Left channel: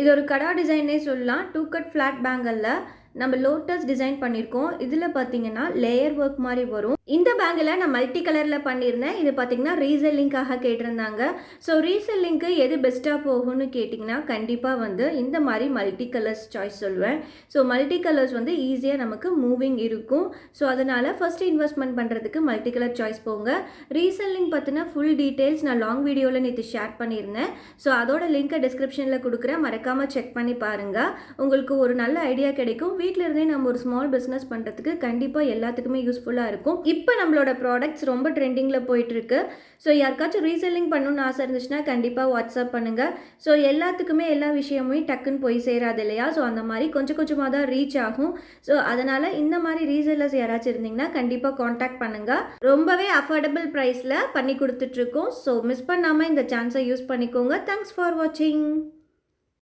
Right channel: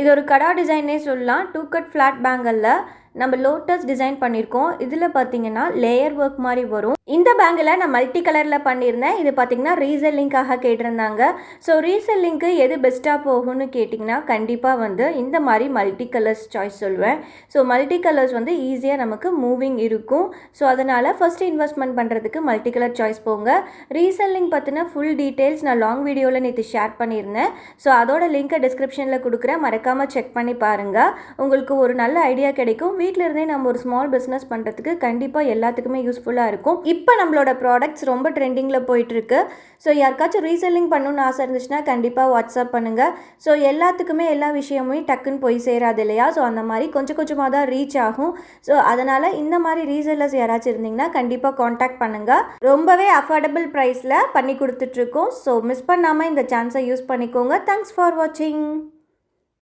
இது ஒரு கடா டிசைனே சொல்லலாம். 2 கட் ஃப்ளாட் பேங்கிளில் நம்ம லோட்டஸ் டிசைன் பண்ணியிருக்கோம். இதில் பார்த்தீங்கன்னா லேயர் ஒர்க் மாதிரி வரும். இந்த பேங்கில் நான் மல்டி கலரில் பண்ணியிருந்தேன். இது பார்த்தீங்கன்னா ரீசெல்லிங்காக கேட்டிருந்தாங்க. ஸோ ரீசெல்லிங்க்கு எது பெஸ்ட்டாக போகும்னு கேட்டிங்கன்னா கண்டிப்பாக வந்து இந்த மாதிரி மல்டி கலர்ஸ் சாய்ஸ் சொல்லுவேன். ஸோ மல்டி கலர்ஸ் வந்து ஈஸியாக நமக்கு மூவிங் இருக்கும். ஸோ அதனால் ஃபஸ்ட்டு இன்வெஸ்ட்மெண்ட் பண்ணுறதுக்கு மல்டி கலர் சாய்ஸ் போங்க. ரீசெல்லிங் பற்றின ஃபுல் டீட்டெயில்ஸ் நான் லாங் வீடியோவில் நேற்று ஷேர் பண்ணியிருந்தேன். ஸோ அதோட லிங்க்கை டிஸ்கிரிப்ஷனில் கொடுக்குறேன், மறக்காமல் செக் பண்ணி பாருங்கள். உங்களுக்கு ஒரு நல்ல ஐடியா கிடைக்கும். வீட்டில் இருந்தே நம்ம ஒரு ஸ்மால் பிஸ்னஸ் பண்ணுறதுக்கு கண்டிப்பாக எல்லாத்துக்குமே யூஸ்ஃபுல்லாக இருக்கும். இப்போ நம்மளோட ப்ராடக்ட்ஸ் ரொம்ப ட்ரெண்டிங்கில் போயிட்டுருக்கு. ஸோ யாருக்காச்சும் ரீசெல்லிங் பண்ணணும்னு ஆசை இருந்துச்சுன்னா கண்டிப்பாக வாட்ஸ்அப் பண்ணுங்கள். ஸோ எல்லாத்துக்குமே எல்லா விஷயமும் டக்குன்னு போய் சேராது இல்லையா? ஸோ அந்த மாதிரி கொஞ்சம் கொஞ்சமாக தான் ரீச் ஆகும். ஸோ அதனால் இந்த மாதிரி ரீசெல்லர்ஸ் யாராச்சும் இருந்தீங்கன்னா கண்டிப்பாக காண்டாக்ட் பண்ணுங்கள். ரொம்பவே அஃபோர்டபுள் ப்ரைஸில் பண்ணி கொடுத்துட்ருக்கோம். ஸோ மிஸ் பண்ணாமல் இந்த சான்ஸை யூஸ் பண்ணிக்கோங்க. தேங்க்ஸ் ஃபார் வாட்சிங்.